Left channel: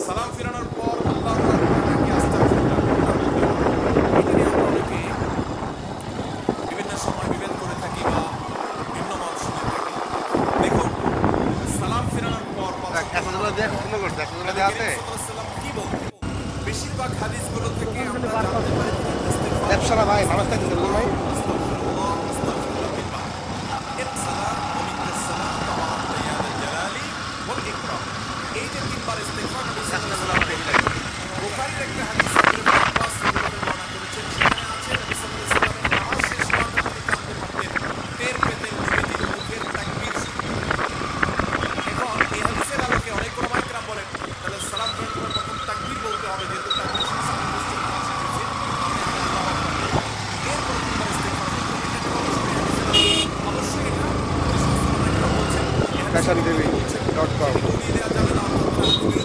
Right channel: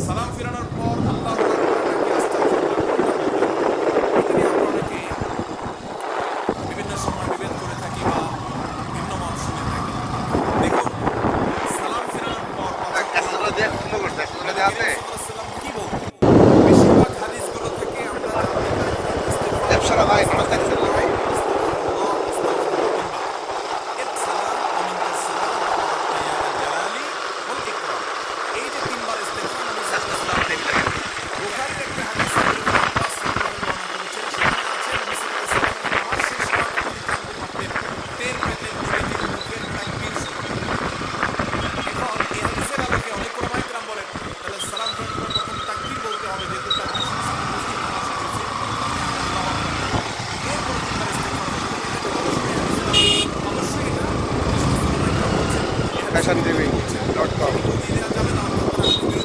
সালাম ফিরানোর পর আল্লাহু আকবার নাকি আস্তাগফিরুল্লাহ কোনটা বলতে হবে? এটা নিয়ে আমরা অনেকে বিভিন্ন সময় বিভেদ করে থাকি বা ভিন্ন মত শুনে থাকি। দেখুন, সালাম ফিরানোর পর পাঁচ ওয়াক্ত নামাজের পর নবী করিম সাল্লাল্লাহু আলাইহি ওয়াসাল্লাম কি বলতেন? বেশিরভাগ হাদিসগুলো থেকে আমরা জানতে পারি তিনি ইস্তিগফার আস্তাগফিরুল্লাহ আস্তাগফিরুল্লাহ আস্তাগফিরুল্লাহ তিনবার। ইসসালাম ওয়া মিনকাস সালাম ওয়া বারাকতা ইয়া যাল জালালি ওয়াল ইকরাম। এই যে তিনবার ইস্তিগফার নবী সাল্লাল্লাহু আলাইহি ওয়াসাল্লাম বলতেন। বুখারীর একটা হাদিস আব্দুল্লাহ ইবনে আব্বাস রাদিয়াল্লাহু আনহু বর্ণনা করেছেন, সেখানে আছে নবী সাল্লাল্লাহু আলাইহি ওয়াসাল্লামের নামাজ শেষ হওয়াটা তিনি জানতে পারতেন, টের পেতেন নবীজির মুখের তাকবীর শুনে। এখন এই হাদিসের আলোকে অনেক ওলামায়ে কেরাম বলেন তাহলে সালাম ফেরানোর পর প্রথম তাকবীর বলতে হবে, যেহেতু তাকবীর শুনে সামনে মসজিদ নামাজ শেষ হয়েছে, তাহলে আগে আল্লাহু আকবার বলতে হবে, এরপরে তিনবার ইস্তিগফার বলতে হবে। এটা গবেষণায় হাদিসের আলোকে অবশ্যই এটা যে সমস্ত ওলামায়ে কেরাম বলছেন এই হাদিসের বিপরীতে